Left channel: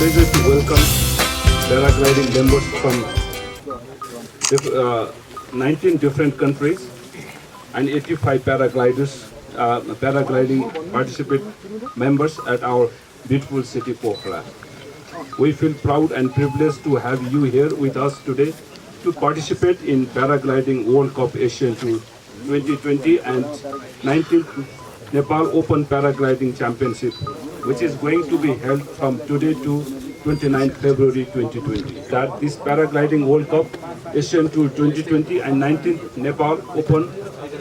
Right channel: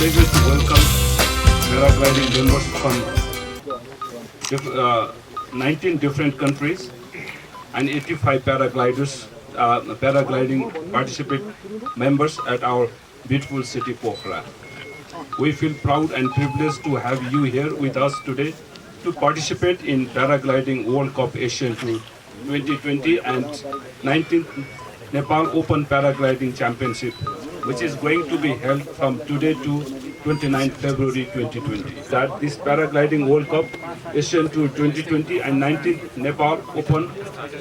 pleasure to welcome paragliding members from 19 different countries and 85 paragliding participant members at our beautiful city Pokhara. We feel proud and privileged to have you here with us today to participate in Paragliding World Cup Asian Tour 2020 and 19th Nepal Open Paragliding Championship, which is going to be held from today to 29th February 2020. That this Paragliding World Cup Asian Tour 2020 and 19th Nepal Open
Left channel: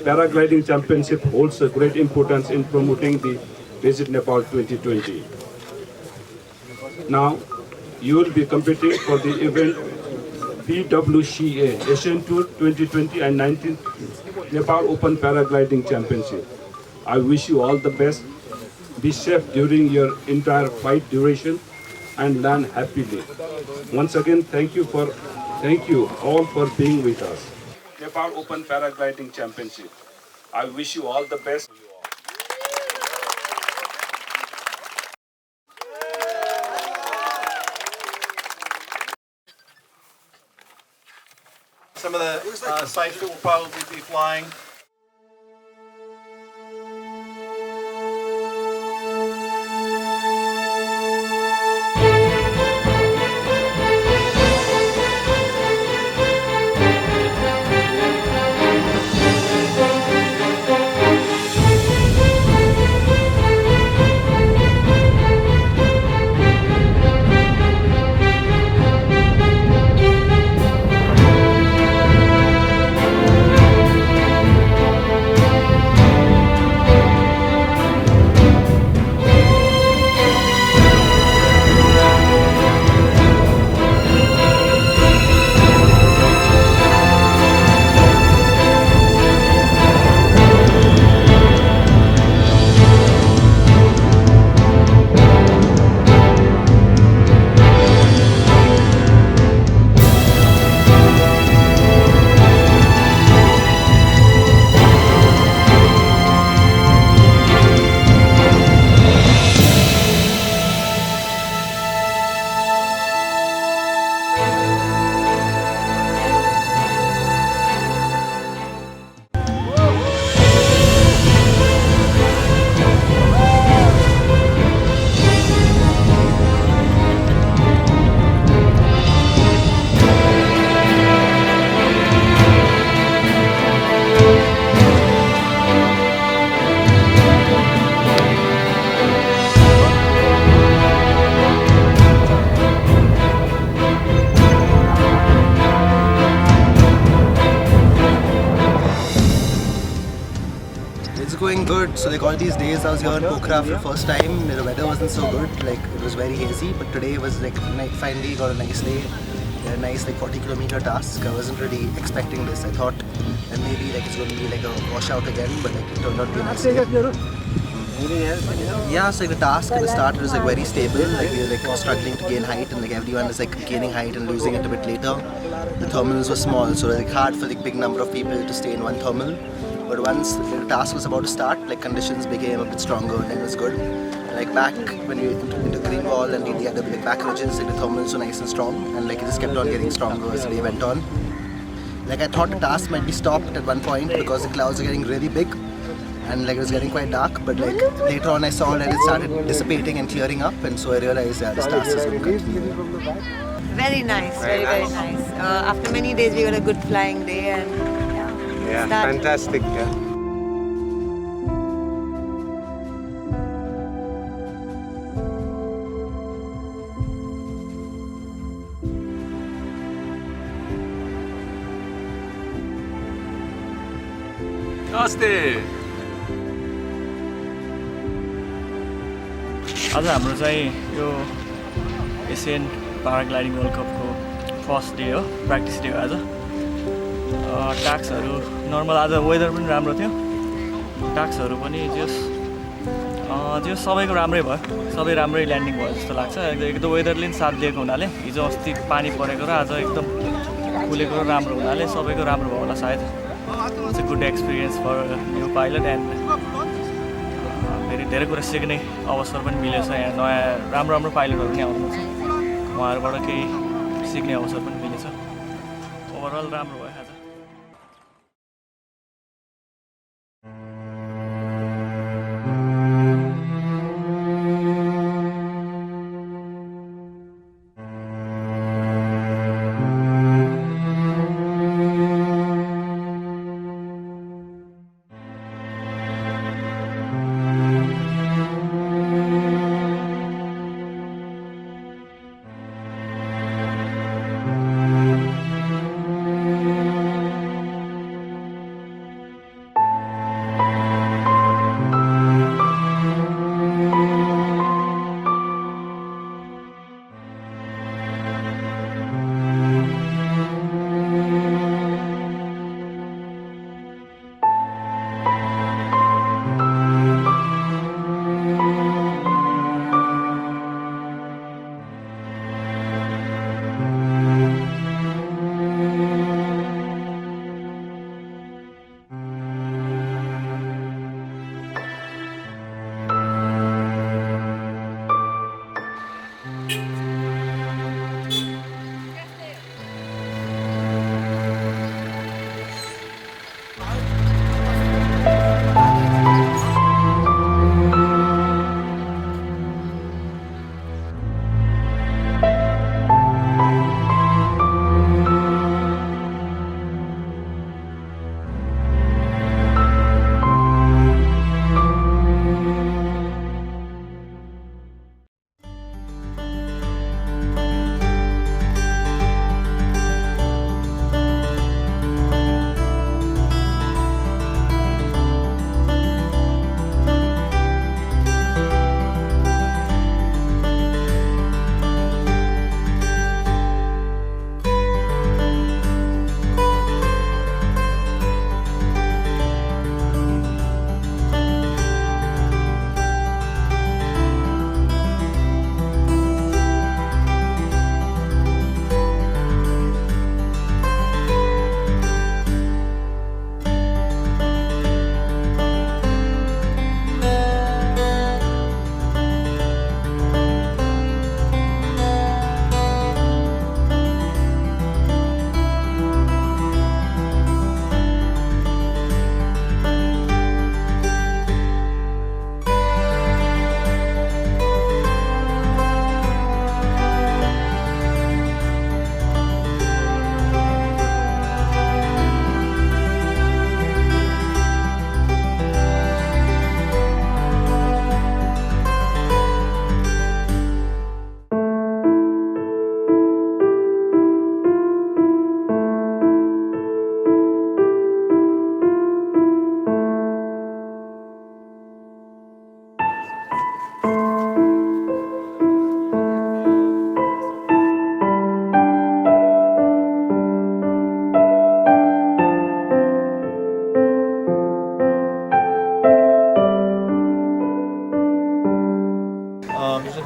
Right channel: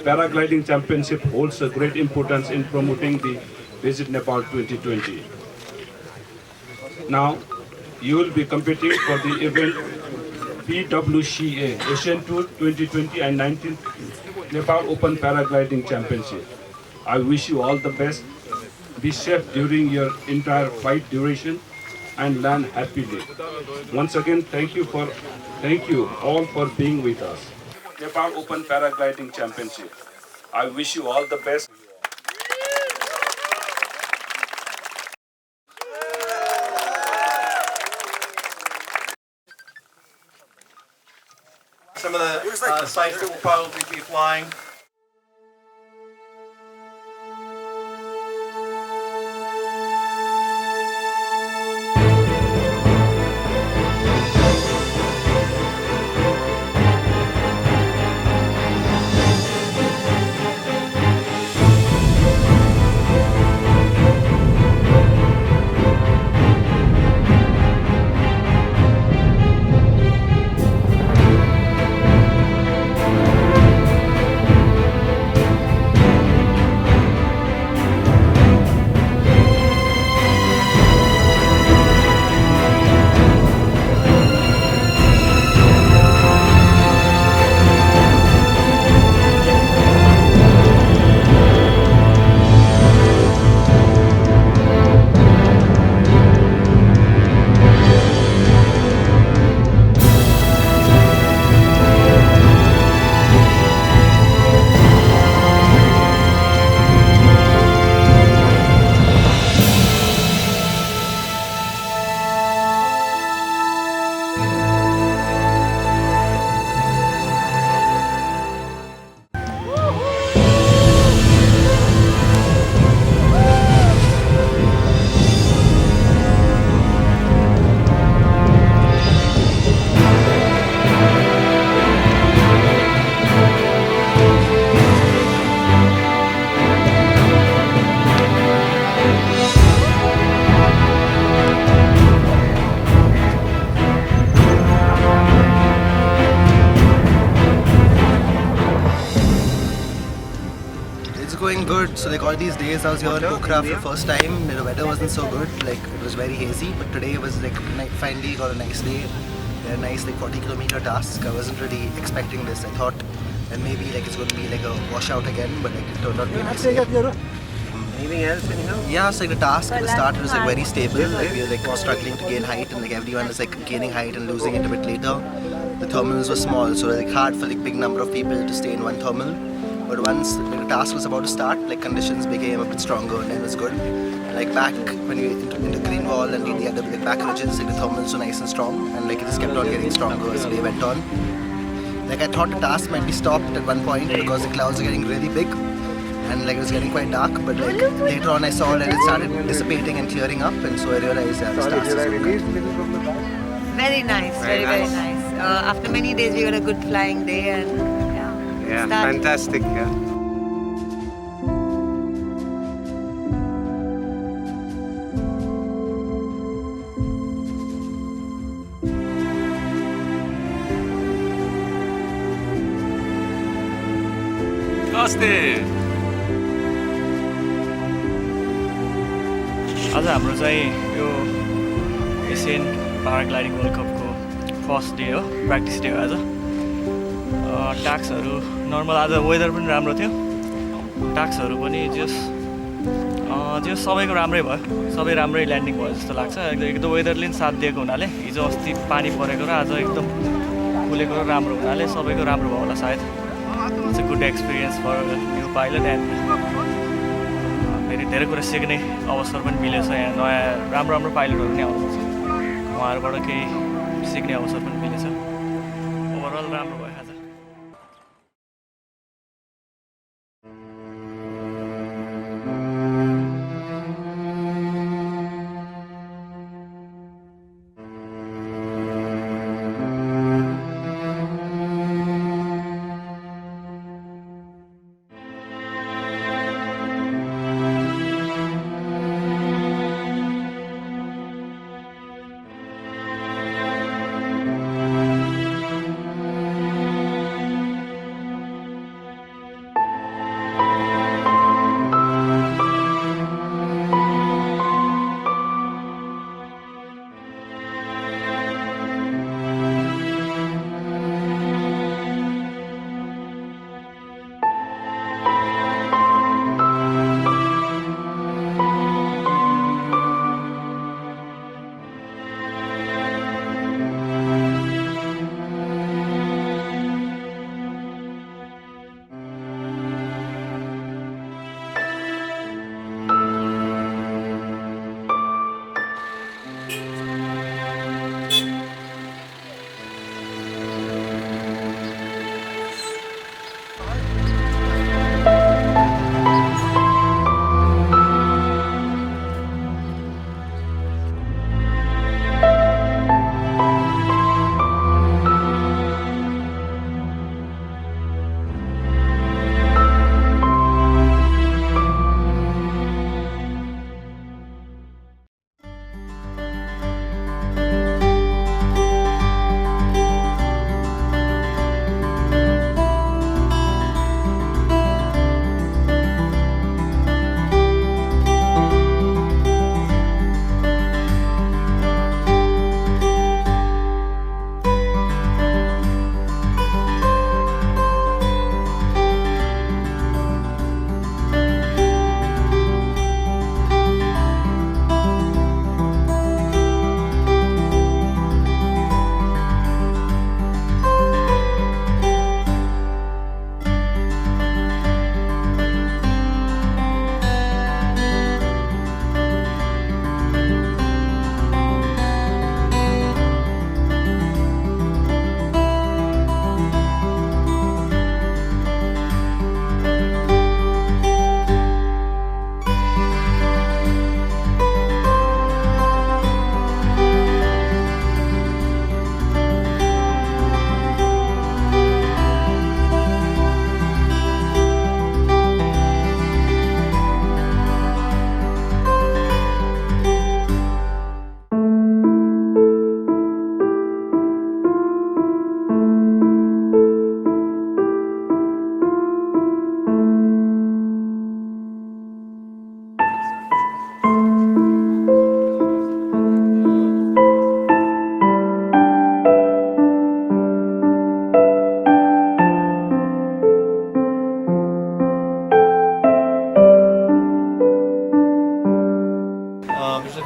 Paragliding Championship holds a great importance in promoting the Visit Nepal 2020. Now, you will be competing for the event PWC Asian Tour 2020 and 19th Nepal Open Paragliding Championship. I wish you all the best. Be safe during your entire flight duration and land happily. Once again, thank you all for being with us. Nepal Open Paragliding Championship. I wish you all the best. Some of the sites that we'll probably be flying. It's going good. So like all these days I was here in Pokhara for the first time. The weather wasn't so good, like it was very hazy, but today was like finally got a nice day. A nice like 40-kilometer task. I wasn't really expecting this. I thought and maybe like it's going to be like a washout again, but like it turned out to be a nice day. Yeah, so like the task at the start it was like very stable. Like we were like struggling to gain height, and like everyone is like gaining height and losing it a bit later. The thermals were small, so it was like hard for like big number of people to stay in one thermal. But once the task was about to start, like conditions became a bit stronger and it was good. Like back when we into green wall and the other like back ridges, like the thermals were nice and strong, and like it just kept on getting stronger as the day went on. Like I thought the task might be stopped at one point because the clouds were getting really big and like it was getting quite dark. But like later on I saw that it started dissipating and clearing up, and so I realized this task is going to continue. Very nice, very nice. After many days we got a good flying day, and yeah, fantastic. Yeah. आज हाम्रो चाहिँ यो Asian paragliding world कपको first day हो, practice day हो आज। टास्कहरू normal, आज weather पनि राम्रो थियो, टास्कहरू पनि जो सबैको राम्रै भयो, सबै राम्रै ल्यान्डिङ भयो जस्तो लाग्छ। एकदम वेदरले पनि साथ दिएको हुनाले, हिजो अस्ति पानी परेको र आज एकदम खुलेको र राम्रो हुनाले सबैको राम्रो भयो होला सायद। It's a good experience for new pilot, end फेरि धेरै कुरा सिक्ने अवसर पनि मिलेछ। यहाँ नयाँ राम्रो पाइलटहरू पनि आउनुहुन्छ। उहाँहरूबाट केही सिक्ने अवसर पनि मिलेछ ओभरअल राम्रो भयो आज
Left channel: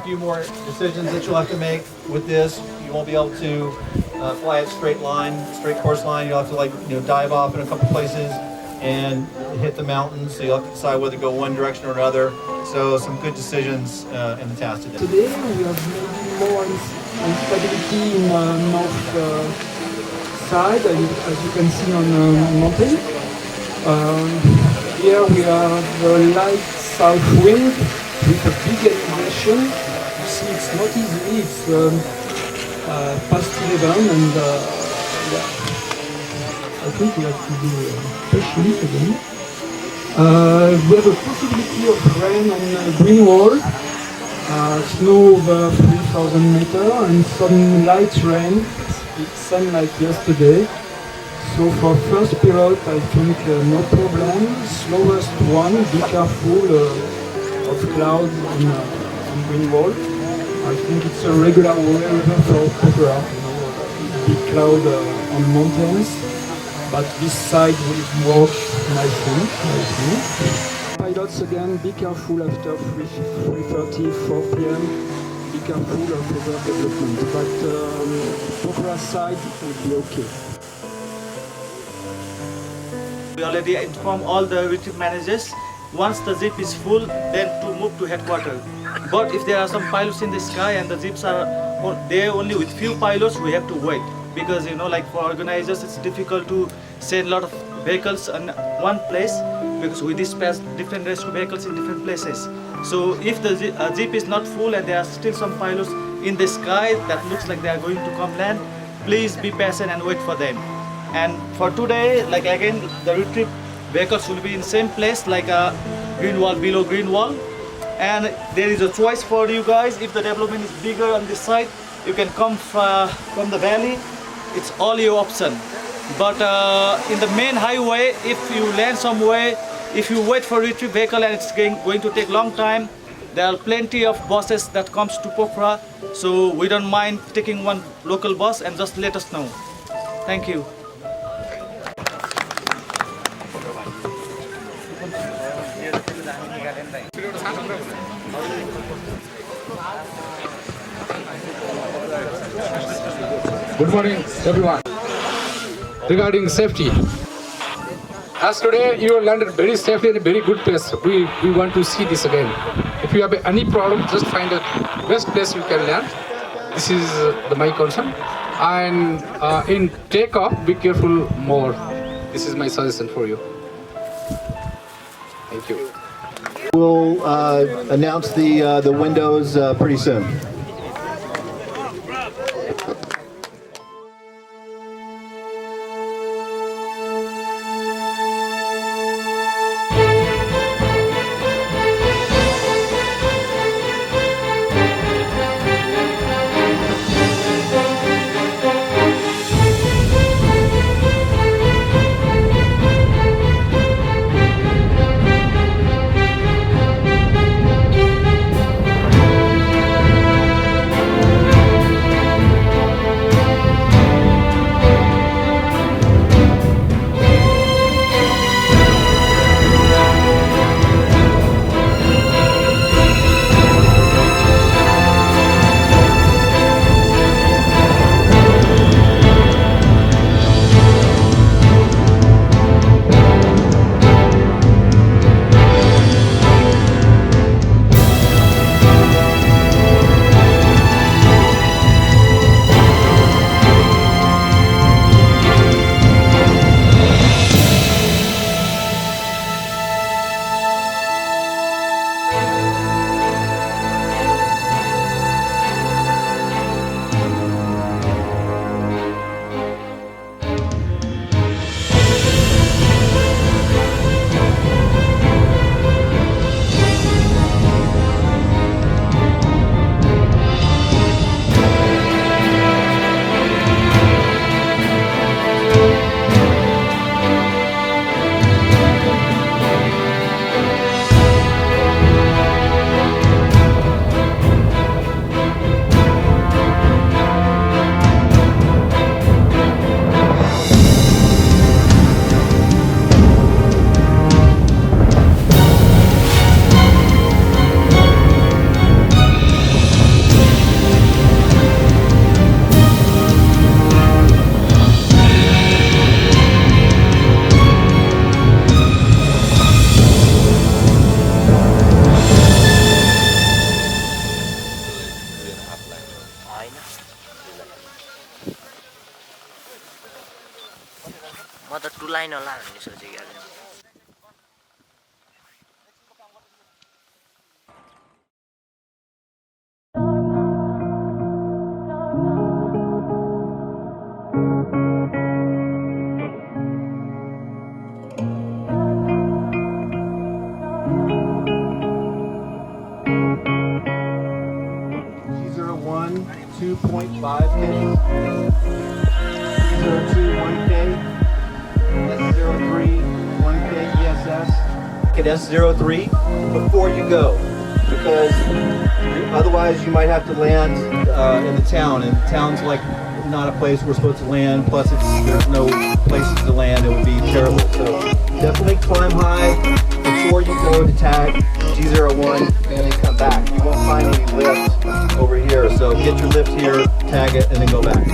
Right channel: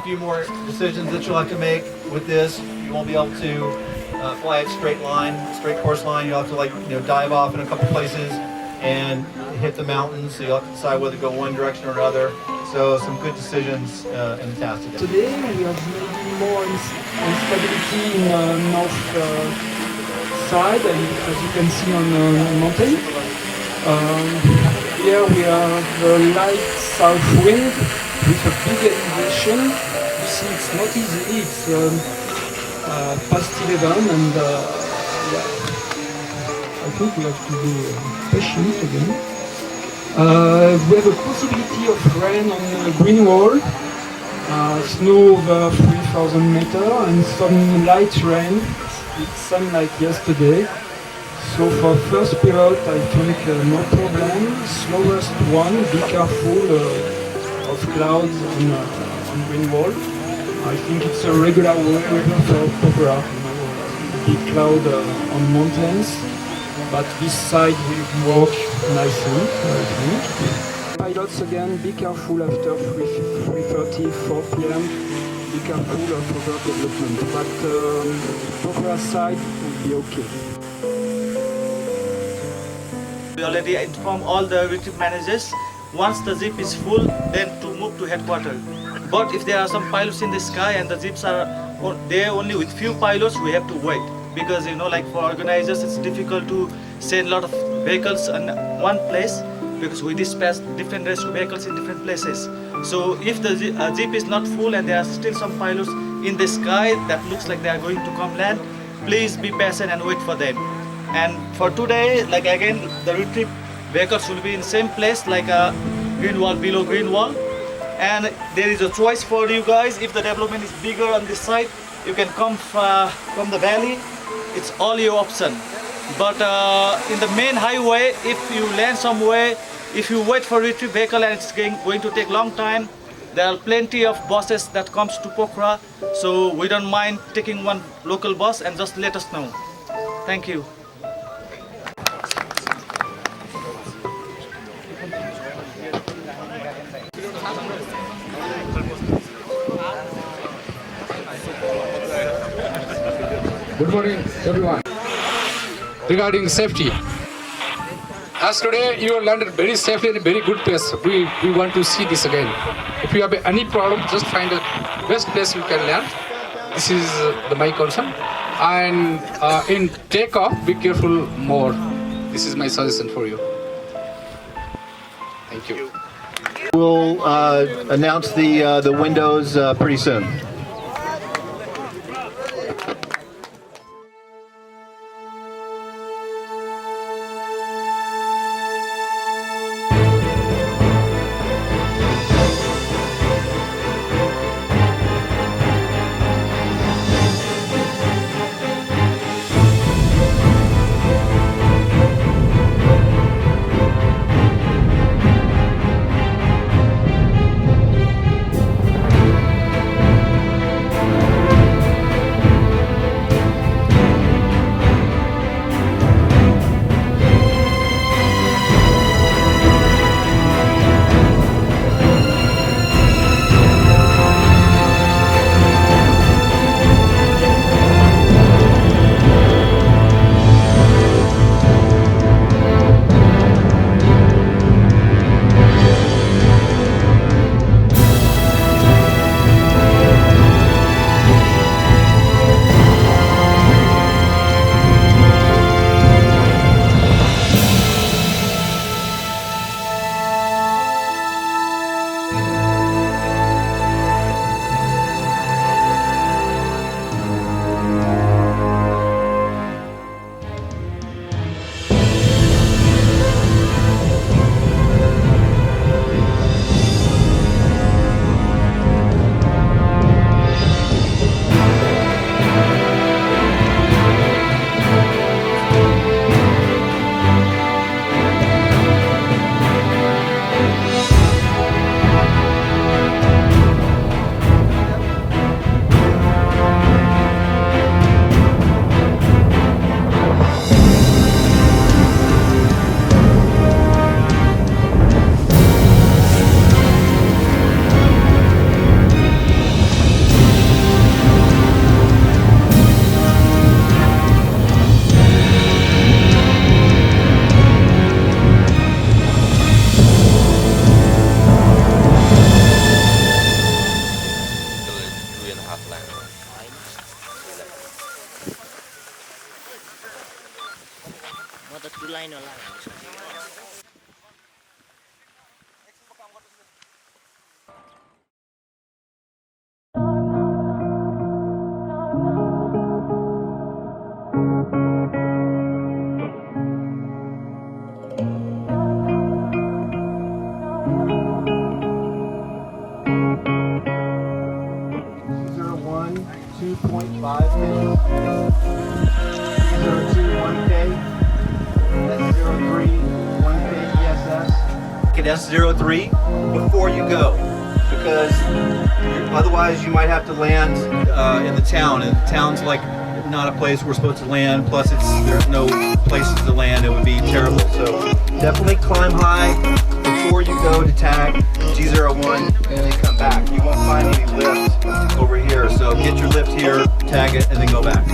few more decisions that you'll have to make with this. You won't be able to fly it straight course line. You'll have to dive off in a couple places and hit the mountains. So you'll have to decide whether to go one direction or another. So some good decisions in the task today. Today we have maybe more instability in north side, as you can see on the mountain. Here we have a light south wind with a big elevation. You see, it's not easy. It's past 11, and yeah, I think we have to be patient again. We have a possibility of rain on the green wall, snow over 3,000 meters, and some light rain. It's same like yesterday. So for first period, I think no problem. Slowest one, be careful of clouds on green wall. I think it's a regular weather for Pokhara, big cloud on mountains, but this side will work nicely, I think. Pilots again, be careful after 3:30, 4 p.m. Be careful of overdevelopment, but Pokhara side will be okay. We already inform all the retreat managers. Once the jeep is full, then to move to headquarters. But if there are some pilots in the sky and the jeeps are there only with few pilots, we have to wait. Because like for organizers, it's difficult to send a lot of vehicles in one place, because we dispatch different rescue vehicles in different places. So if the jeep is not full and there are still some pilots in the sky that looks like they are going to come land, please be patient and wait for them. And for today, like again, the retrieve vehicles will be in same place, like a green wall, below green wall. And there is a choice for you guys. If the development is bigger on this side, you can come from the valley. It's all your option. But in the main highway, if you land somewhere, if you wait for retrieve vehicle and it's going to take long time, there are plenty of buses that comes to Pokhara. So we don't mind taking one local bus, and just let us know. Thank you. Good morning, everyone. Regarding safety, as today you landed very safely in a very good place. We want to see this again. If you have any problem, just find a best place you can land. This is my concern. And in takeoff, be careful more. This is my suggestion for you. Thank you. We'll announce the windows pretty soon. S03 before you go, because otherwise you might have to land in the town, and the town's like not a place we're supposed to land, plus there's no places to land. It would be terrible. So definitely climb high before you go to tag G01 and then come back. You won't find any lift over here, so get your lift here, tag it, and then go back.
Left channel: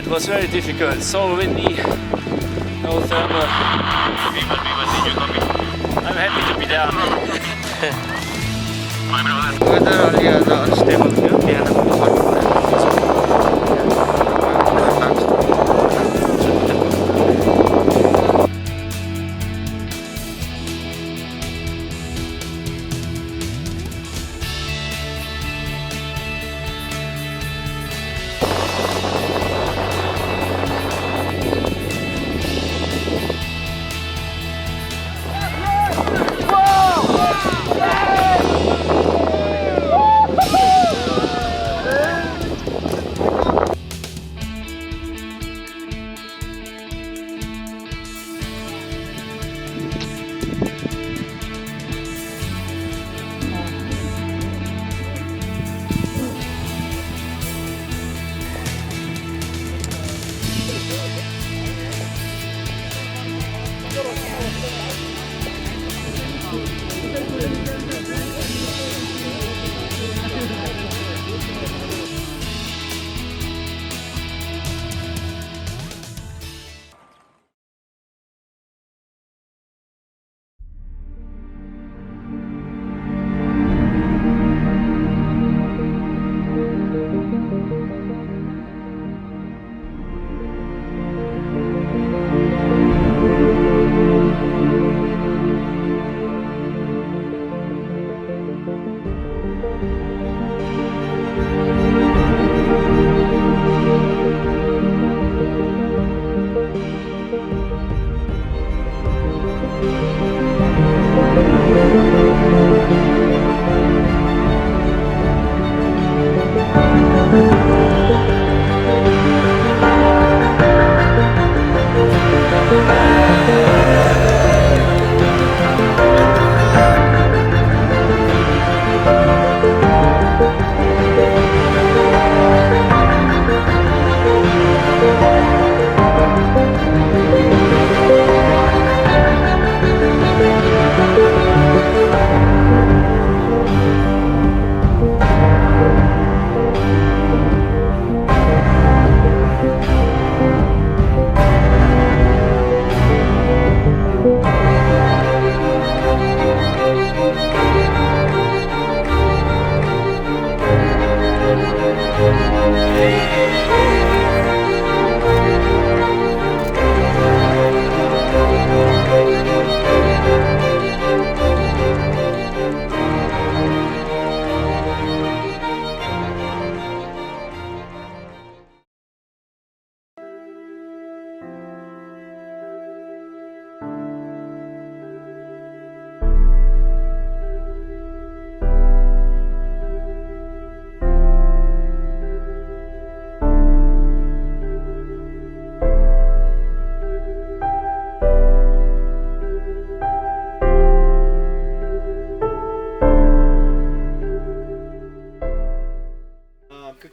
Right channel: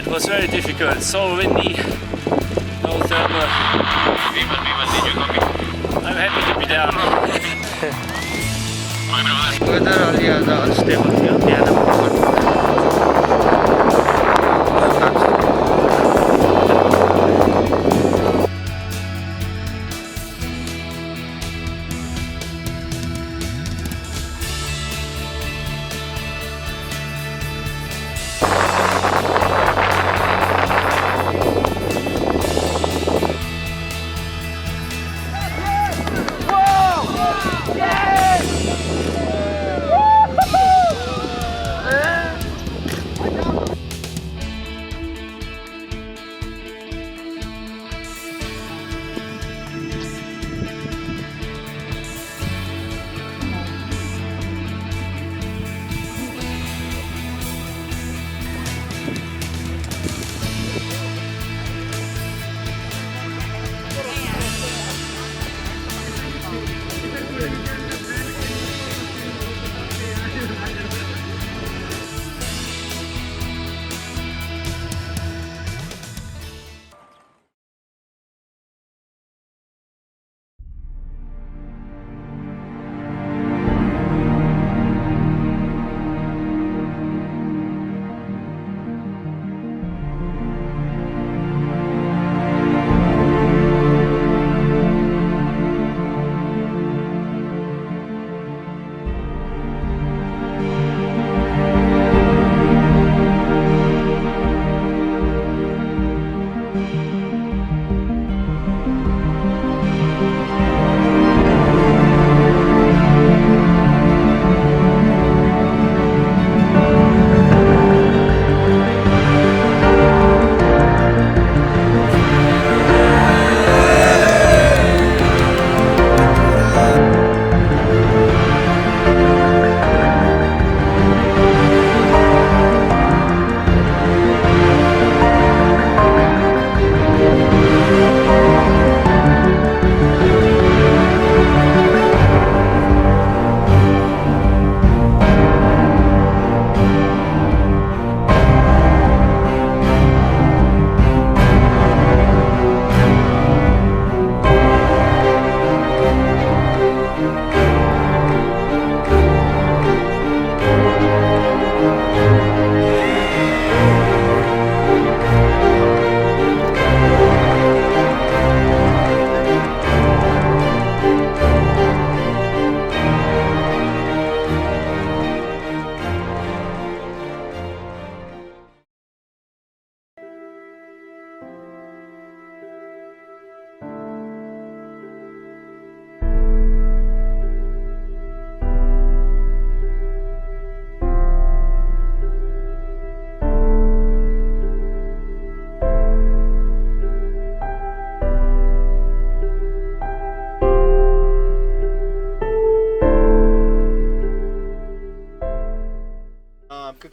It was very difficult, so windy, no thermal. Did you come? I'm happy to be down. Weather अलि आज unstable थियो, बिहानमा पनि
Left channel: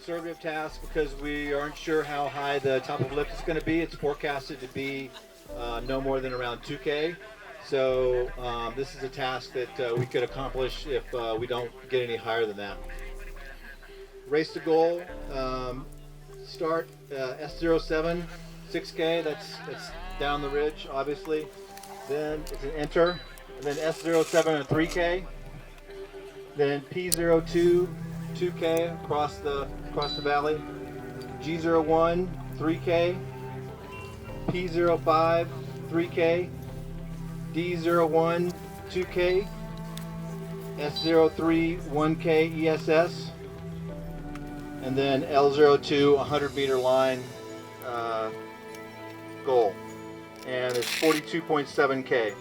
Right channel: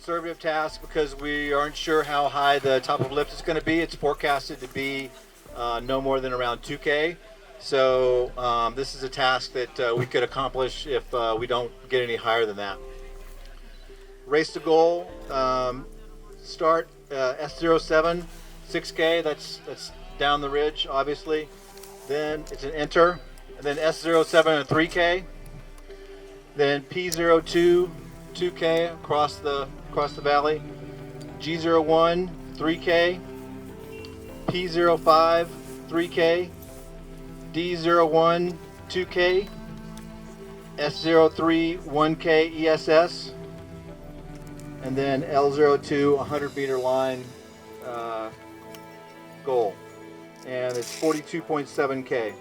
conservative task because we aren't sure how high the top of lift is going to be. It's forecasted to be no more than around 2K. So this is a task that we could accomplish if we don't get any higher than that. Race to goal, start S07, 6K, that's down the ridge, obviously. Then it's an enter, and then S07 and 3K. Then P02, 2K across the valley. G01, 3K. P05, 3K. D01, 2K. S03, 1K ESS. And then L02, 100-meter line goal. And it's 42.7K.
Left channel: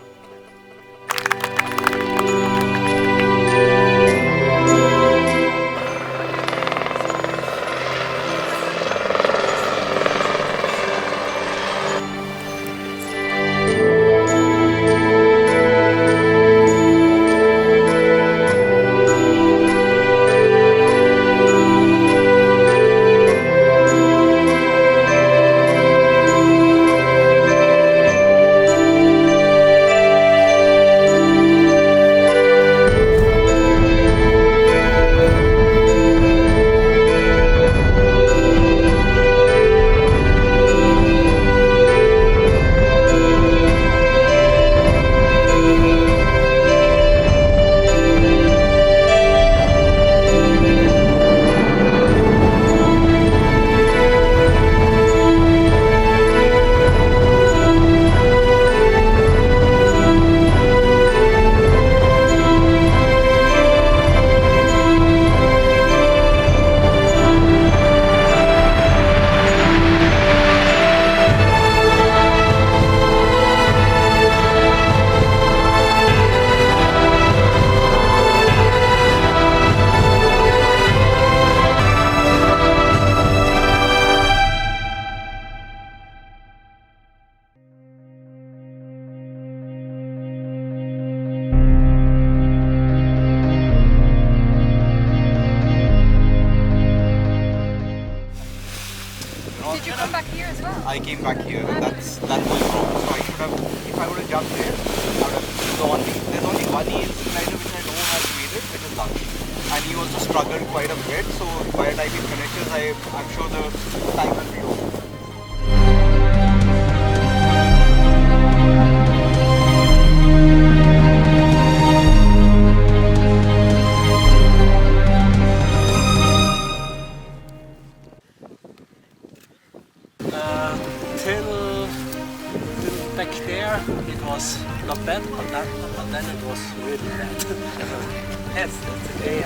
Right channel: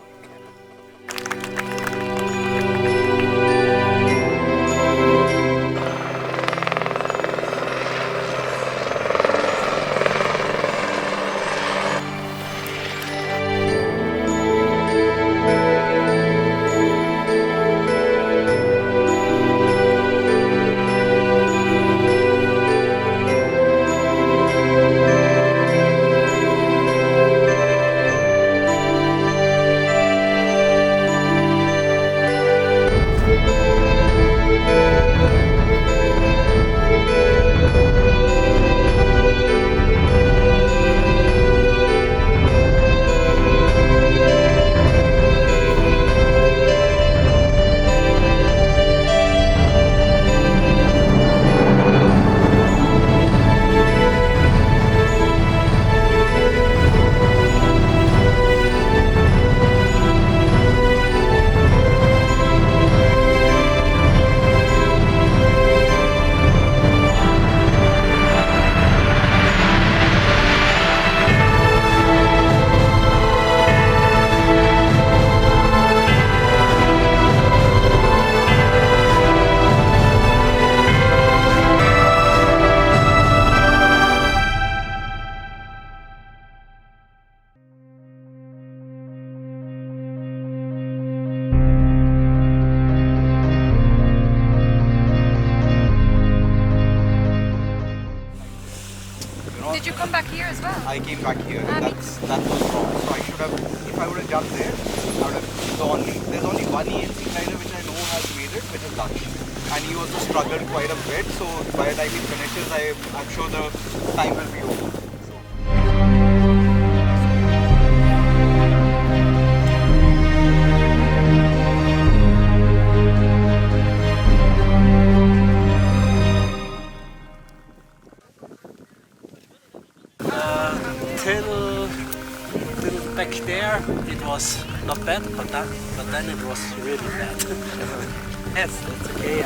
Did you come back here as well? I came back here and that was wrong. So I should have, if I would have jumped there, I would have, there's only one ELC glider which I know has made it, which is Laksh. And he also struggled quite a bit, so by the time he finishes, I'm sure the time will be over. Till back there it was not bad, but then it was really bad. Yes, that's okay.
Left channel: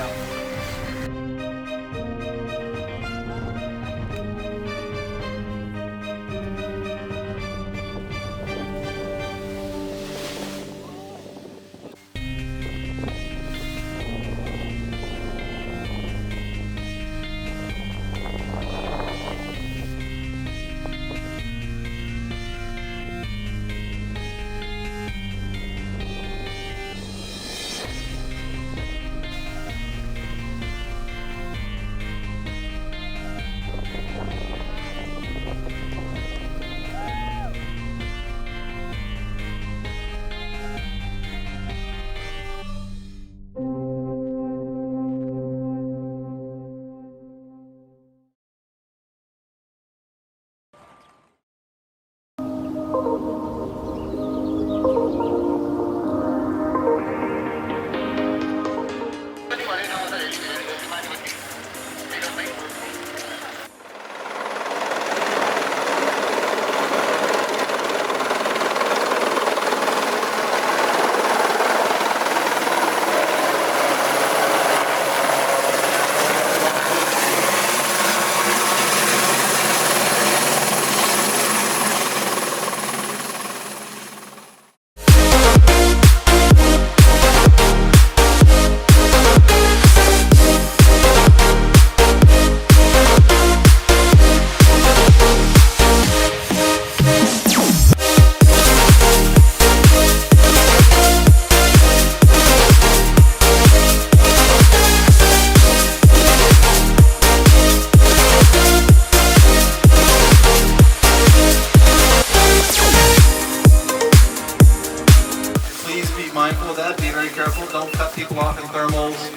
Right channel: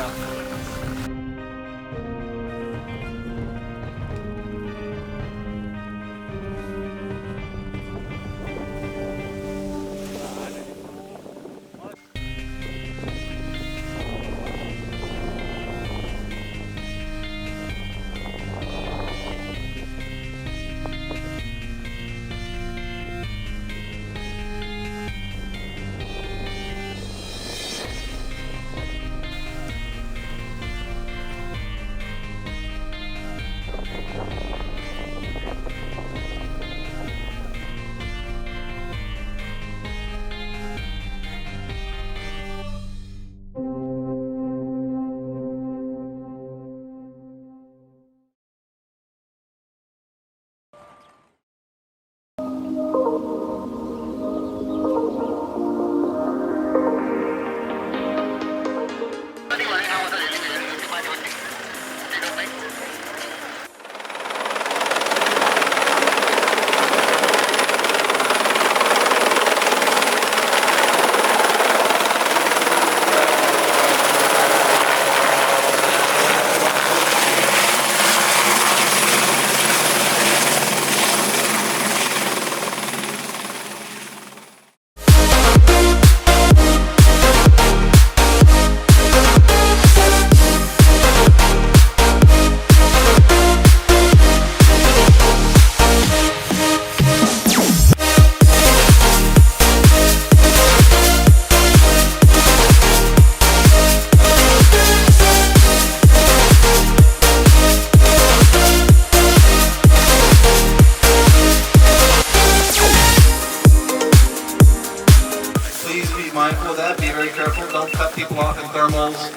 please be mindful of that. Be very careful. Don't cut people off in thermals.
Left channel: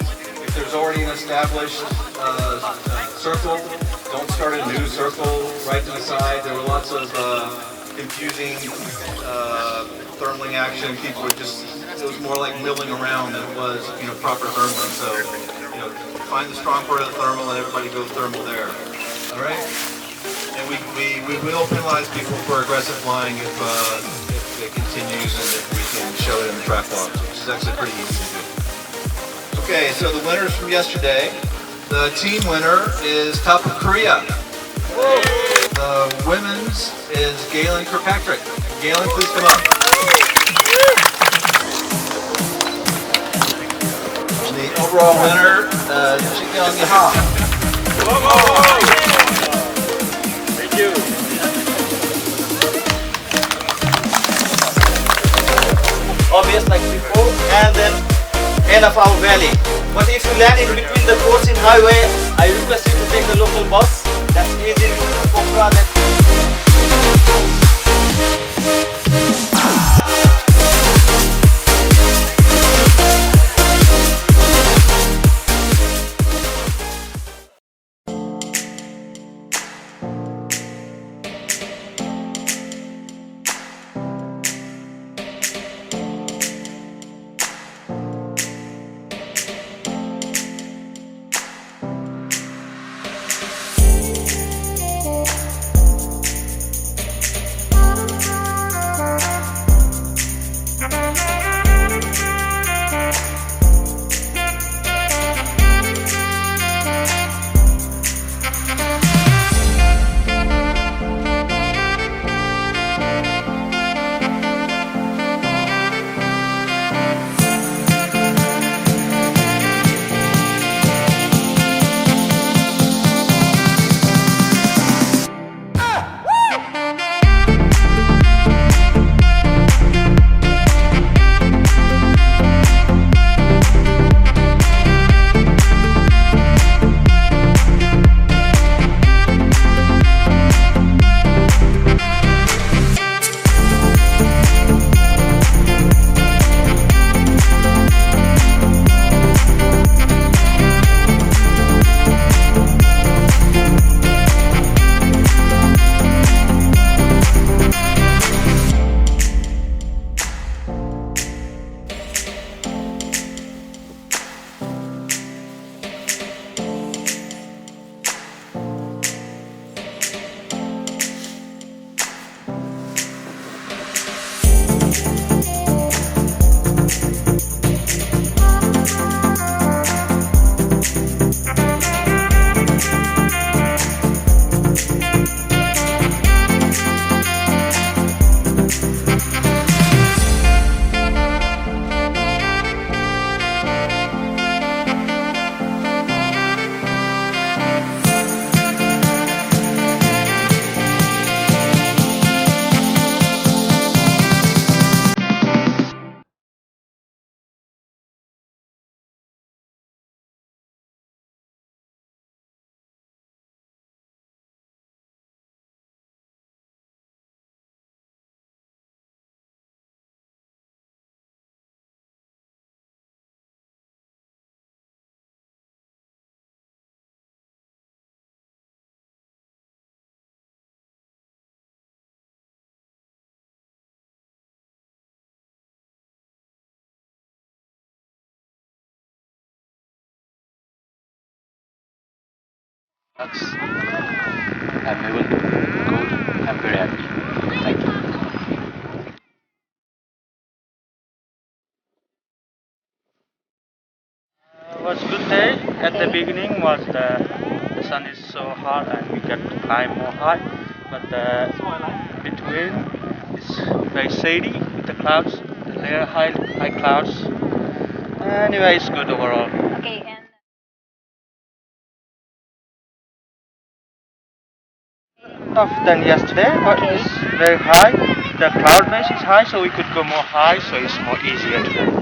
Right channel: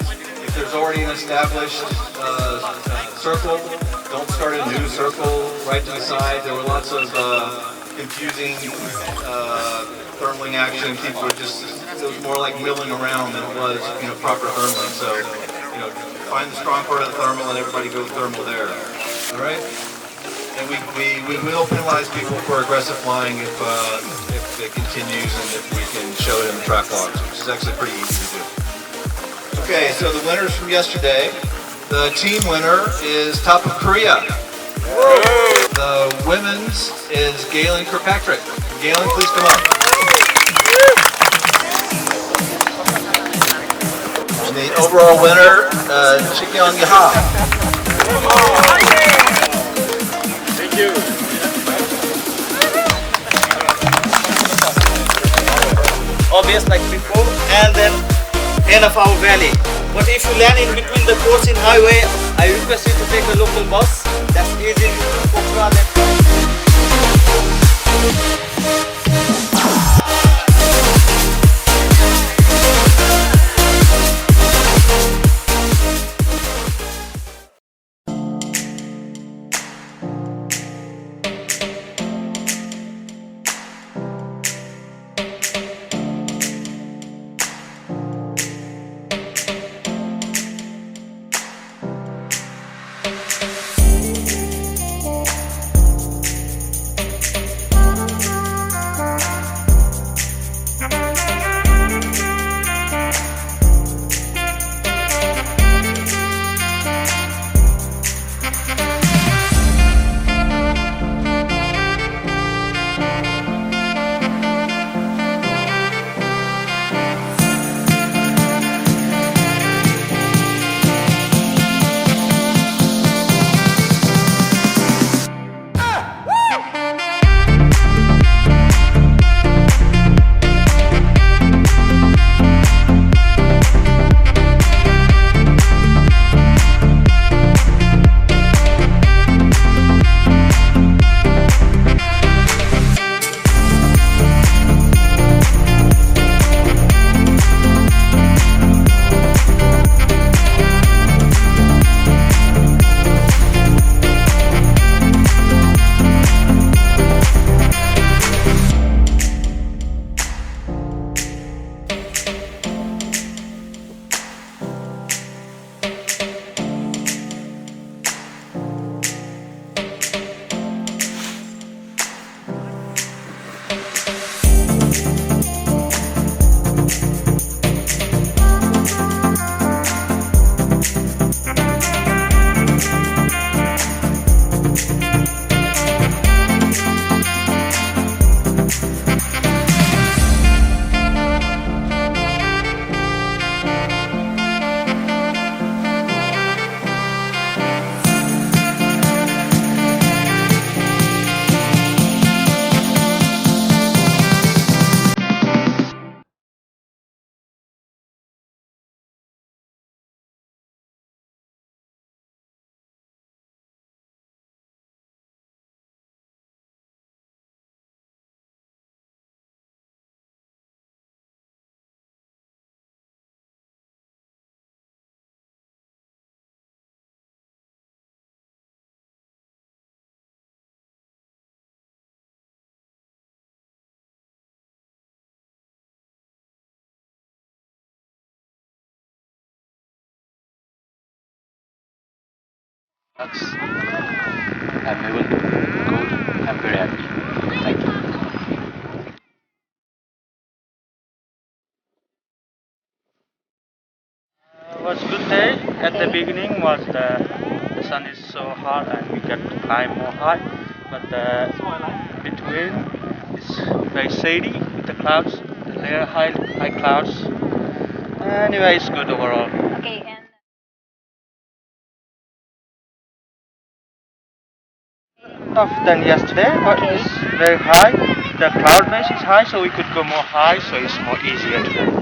If there's already an established circle, don't start a new circle right to the side. There were lots of confusing thermaling action. People were just, it was more like milling around than it was, proper thermaling. So, find the strong part of the thermal and everybody go thermal there. All right? And we will penalize people for aggressive flying if it continues and if we can show it in the track logs, which is actually pretty easy to do. Okay, so the winners from yesterday. The team winner is Top of Korea. The women's is Galen Kirkpatrick. Galen, please come up. And the overall winner, Chikyeong Yaha. Thank you. Obvious like before, and then end of our valley. But if you land in between the course in highway, I request you to take a local bus. That's easy to Pokhara. I'm able to go. I'm very happy. Thank you. It was a good day. At the beginning was the sun is so hot and we get to climb more high, but between it's very shady with the clouds, the layer high clouds. Anyway, it's good overall. Okay, and Tougher than yesterday, but it's very high. The cloud base is high, so we could go more high, so it's more easier today.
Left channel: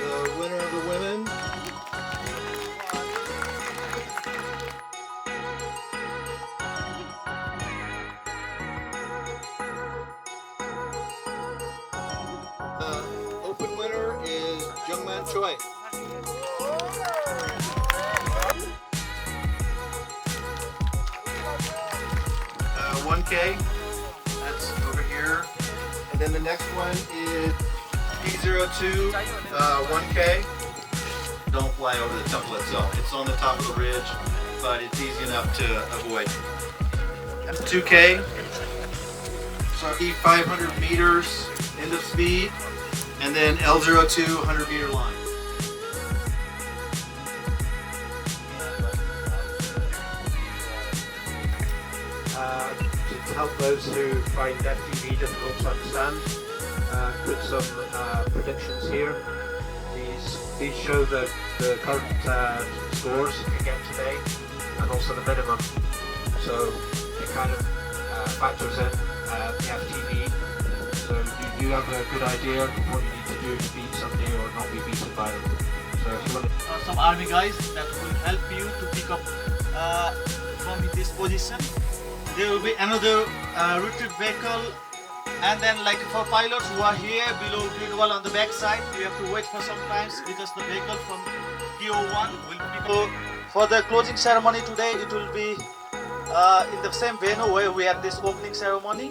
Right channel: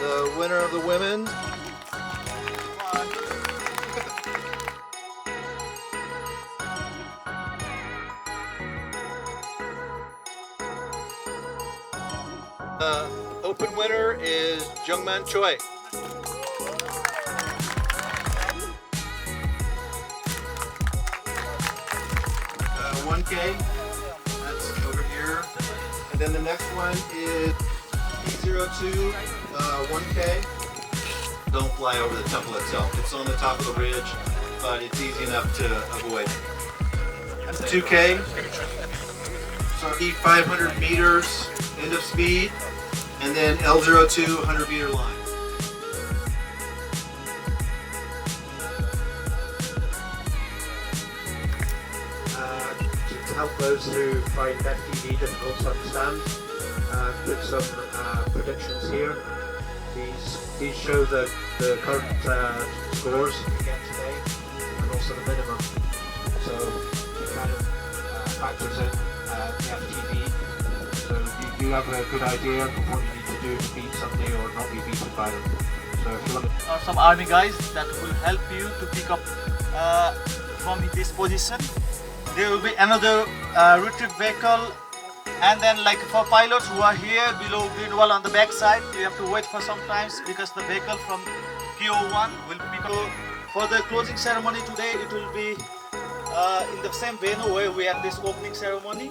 The winner of the women. The open winner is Jungman Choi. 1K, that's over here. And then the next one is P02, 1K. Don't fly over the temple itself. It's on the top of the ridge, but it's easy enough to avoid. 2K, sorry, 500 meters, end of speed. And then L02, 100 meter line. To help those who find FTV difficult to understand, put some predictions here. These show the current scores again today, and also the minimum. So it kind of factors in the FTV. So you have a good idea of what you need to do to beat somebody or not be beaten by them. So if you want to... some army guys that will help you to pick up from this position. There will be another retrieve vehicle, and then like for pilots who are here below grid wall on the back side, you have to wait for some times because the vehicle from PO1 will pick up. For the closing ceremony today, it will be in the same venue where we had this opening ceremony.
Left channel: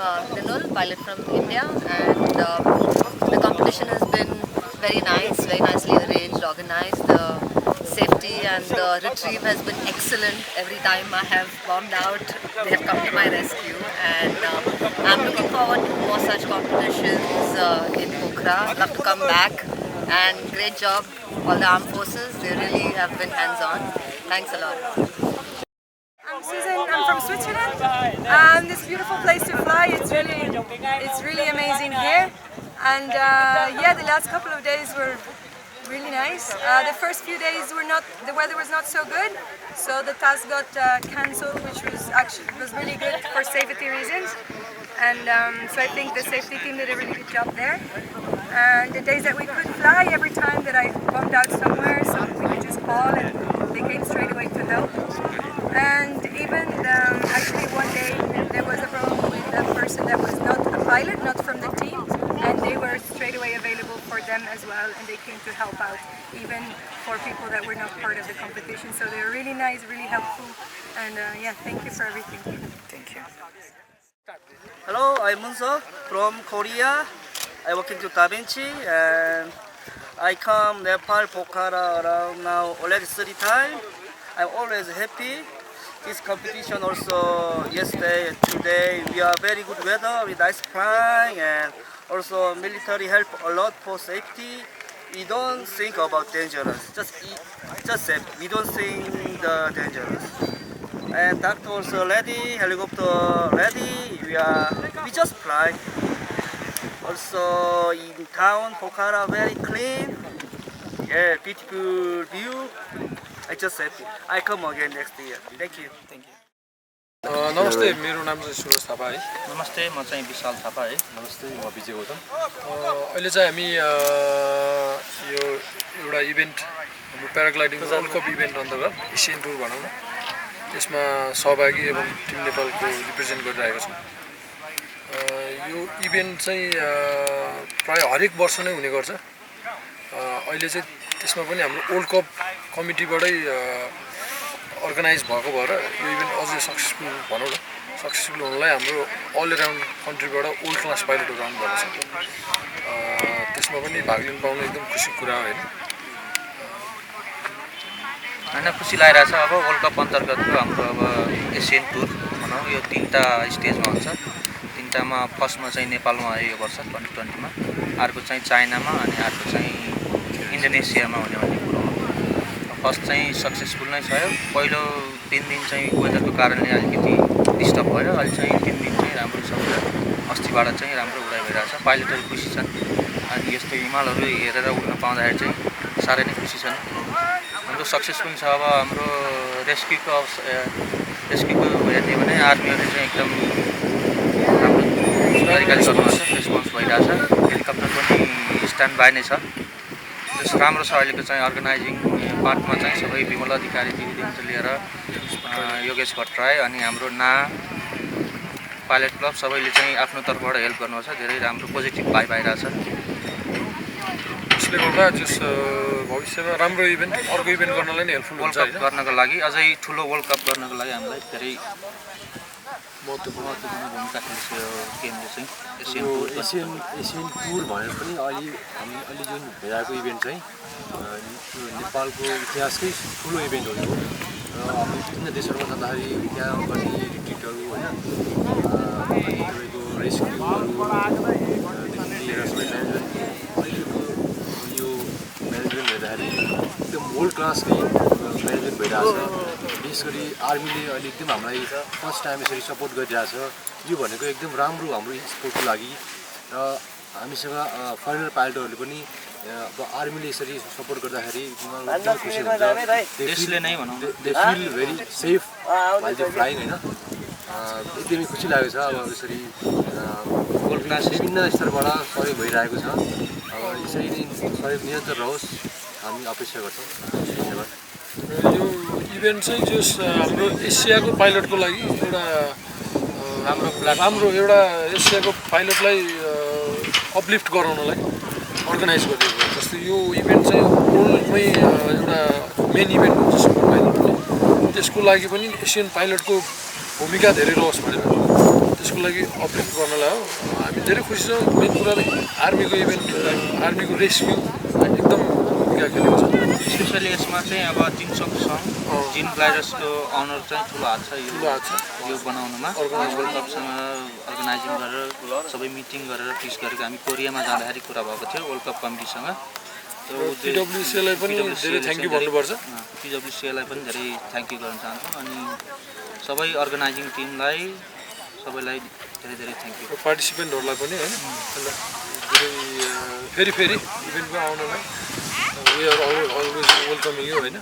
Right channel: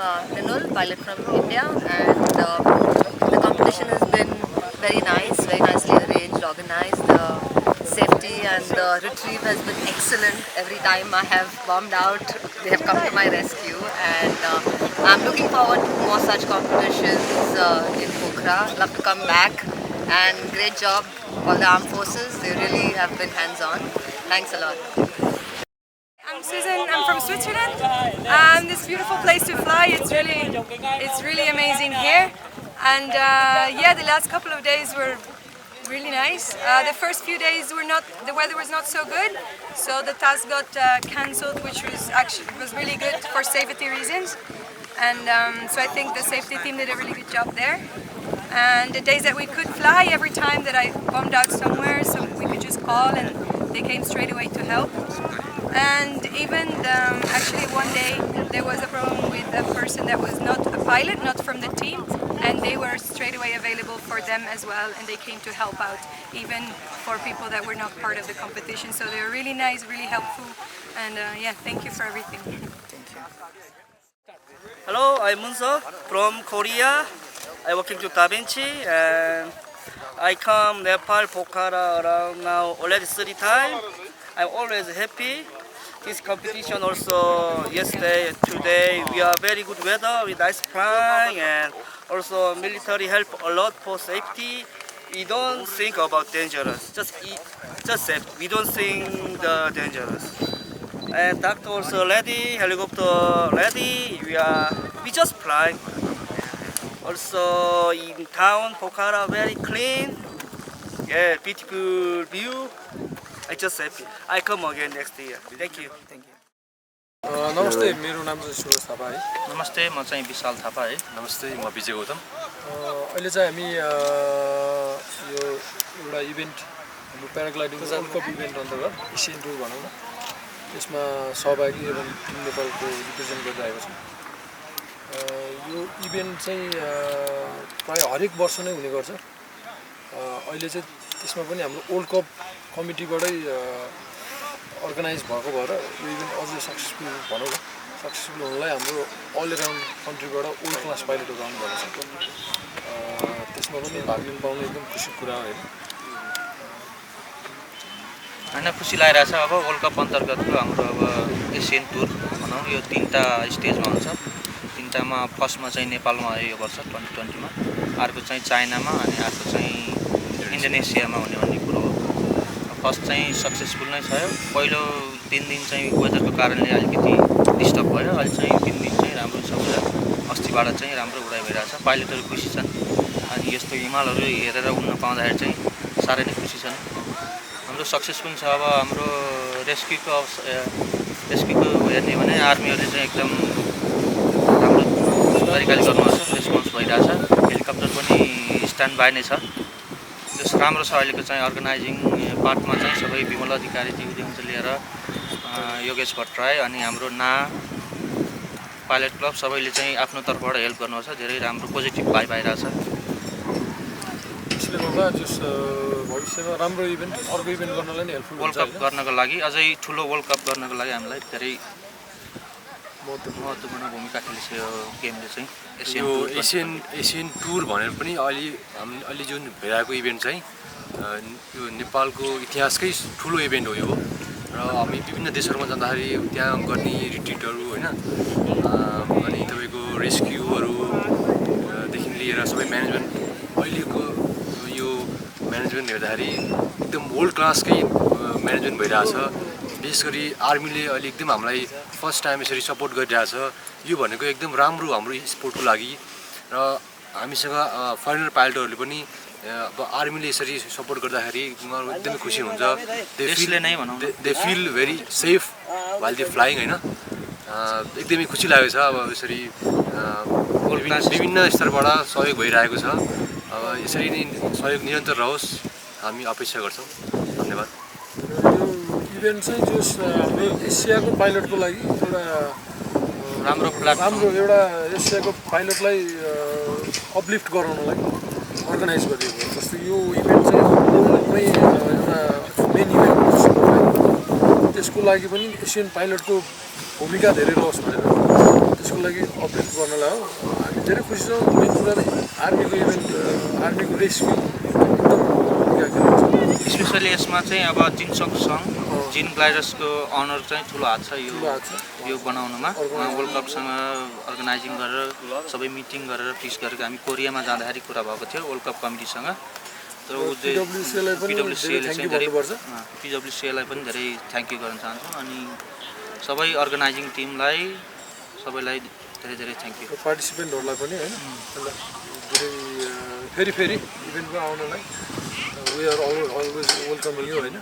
Rinul, pilot from India, and the competition has been very nice, very nicely arranged, organized. The safety and the retrieve has been excellent. Every time I have bombed out, they have come to my rescue, and I'm looking forward to more such competitions in Pokhara. Love to come back, and great job all the armed forces. They really have been hands-on. Thanks a lot. I'm Susan. I'm from Switzerland. This beautiful place to fly. It's really amazing here. And yeah, the last couple of days were really nice. The first few days the weather was not so good, so the task got cancelled, which was really good for safety reasons. And so I think the safety team did a really good job there. And the days that we could fly, every time that I bombed out somewhere, so we could just call and they came straight away to help. And even actually one day there was a problem with a person that was not a pilot, not from the team, and they were straight away available for them as well, and they came to help out even for people that were not part of the competition. So they were really nice, really helpful, and yeah, thank you for everything. Thank you. Hello, I'm Munso from Korea. I work in Da Vinci, and I come Nepal, Pokhara around now already 30 times. I'm always happy. This competition also yesterday and today we are very good weather with nice flying, and also military help a lot for safety. We don't think about dangerous, just safety. We don't think the dangerous. And doctor also ready, helicopter ready. We just fly. Also in town, Pokhara very clean. Yeah, beautiful view. I just happy. I come again next year. Thank you. Thank you. नमस्ते, मेरो नाम चाहिँ सुरज थापा है। नमस्ते, म चाहिँ विशाल थापा है। नमस्ते, म विजय गौतम। अहिले चाहिँ हामी यो एउटा इभेन्ट हाम्रो प्याराग्लाइडिङ वर्ल्ड कप इभेन्ट अन्तर्गत एसियन टुर भनौँ न, यसमा सहभागी एवं टिम नेपालको रिप्रेजेन्ट गरिरहेको छौँ। यो इभेन्ट चाहिँ प्राय हरेक वर्ष नै हुने गर्छ। अहिले चाहिँ त्यसमा पनि हाम्रो वर्ल्ड कप कमिटीबाटै अर्गनाइज भएको भएर यो इभेन्ट अझै सक्सेसफुल भनौँ न, सक्सेसफुल हुनलाई हाम्रो अल एराउन्ड कन्ट्रीबाट वर्ल्ड क्लास पाइलटहरू आउनुभएको छ। त्यसमा पनि भाग लिन पाउनु एकदम खुसीको कुरा हो होइन। होइन, खुसी लागिरहेछ। अब वर्ल्ड कप अन्तर्गतको हाम्रो अब एसियन टुर भनौँ, यो 3टा स्टेजमा हुन्छ। 3टामा फर्स्टमा चाहिँ नेपालमा आयो यो वर्ष 2020मा, अर्को चाहिँ चाइनामा, अनि अर्को चाहिँ इन्डोनेसियामा हुने भन्ने कुरो हो। फर्स्ट चाहिँ सक्सेसफुल नै छ। पहिलो 3 दिन चाहिँ वेदरको कारणले अलिकति डिस्टर्ब भयो। अहिले चाहिँ 3 दिन चाहिँ राम्रो छ। अस्तिबाट चाहिँ राम्रो उडाइ भइरहेछ। पाइलटहरू खुसी छन्, अनि यस्तो हिमालहरू हेरेर उड्न पाउँदाखेरि चाहिँ साह्रै नै खुसी छन्। हाम्रो सक्सेसफुल छ। अब हाम्रो रेस्क्युको हेर्ने भने आर्मीहरूले चाहिँ एकदम राम्रो तरिकाले गर्नुभएको छ, रेस्पोन्स भइरहेछ। हेलिकप्टर पनि स्ट्यान्ड बाई नै छ। जस राम्रो छ। अहिलेको चाहिँ अर्गनाइजिङ पार्टमा चाहिँ सबै विमल अधिकारीदेखि लिएर योगेश भट्टराई अनि हाम्रो पाइलट क्लब सबैले चाहिँ आफ्नो तर्फबाट हेल्प गर्नुहुन्छ। धेरै राम्रो पोजिटिभ भाइब आइरहेछ। यसले गर्दा जस भविष्यमा राम्रो इभेन्ट अर्को इभेन्ट गर्नलाई नै हेल्पफुल हुन्छ। वर्ल्ड कप गर्नको लागि, अझै ठुलो वर्ल्ड कप गर्नको लागि हामीलाई धेरै महत्त्वपूर्ण भूमिका खेल्छ यो गेमले चाहिँ। एसियन टुर भनेर पनि अहिले जुन भइरहेको इभेन्ट चाहिँ यो नेपालको इतिहासकै ठुलो इभेन्ट हो यो। र हामी विभिन्न देशहरूमा जाँदाखेरि त्यहाँ गर्ने रिट्रिटहरू होइन, अनि तपाईँको रेस्क्युहरूदेखि लिएर सबै म्यानेजमेन्ट, अहिलेको यो म्यानेजमेन्ट हेर्दाखेरि एकदम वर्ल्ड क्लासकै म्यानेजमेन्ट भइरहेछ। विशेष गरी आर्मीले अहिले एकदम हामीलाई फर्स्ट टाइम यसरी सपोर्ट गरिरहेछ। यो भनेको एकदम राम्रो हाम्रो स्पोर्टको लागि। र हामीसँग फरेनर पाइलटहरूले पनि अब आर्मीले यसरी सपोर्ट गर्दाखेरि एकदमै खुसी हुन्छ। They feel very safe while they flying होइन। एकदमै खुसी लागेको छ। अब यसरी विभिन्न स्तरबाट सहयोग भइरहेको छ। अब यसरी नै सहयोग निरन्तर रहोस्, हामी अपेक्षा गर्छौँ। धन्यवाद। यो इभेन्ट चाहिँ जस हाम्रो एसियाको पाइलटको लागि एउटा राम्रो एउटा एसियाको पाइलटलाई अपलिफ्ट गराउनलाई अर्गनाइज गरिएको। जस्तै यो इभेन्ट चाहिँ वर्ल्डमै एउटा मेन इभेन्ट हुन्छ सुपर फाइनल पनि। त्यसको लागि पनि एसियन पाइलटको भूमिका धेरै रहोस् भनेर देशको लागि अपलिफ्ट गर्नलाई हो हामी धेरै खुसी छौँ मेन कुरा आर्मीको इभेन्ट आर्मीको रेस्क्यु एकदम भूमिका खेलेको छ स्पेसली यसमा चाहिँ अब चिन्चोक सङ जिन ग्लाइडर्सको अनर चाहिँ ठुलो हात छ यो बनाउनुमा वर्ल्ड कपसँग अर्गनाइजिङ गरेर सबै मिटिङ गरेर फिक्स गरेको हामी कोरियामा जाँदाखेरि कुरा भएको थियो वर्ल्ड कप कमिटीसँग PWCलाई पनि धेरै थ्याङ्क यू भन्नुपर्छ PWCलाई पनि धेरै थ्याङ्क यू गर्न चाहन्छौँ अनि सबै अर्गनाइजिङ टिमलाई सबैलाई धेरै धेरै थ्याङ्क यू पार्टिसिपेन्टहरूलाई पनि हैन धेरै फेरि इभेन्टमा आउनलाई we are always welcoming you Hahn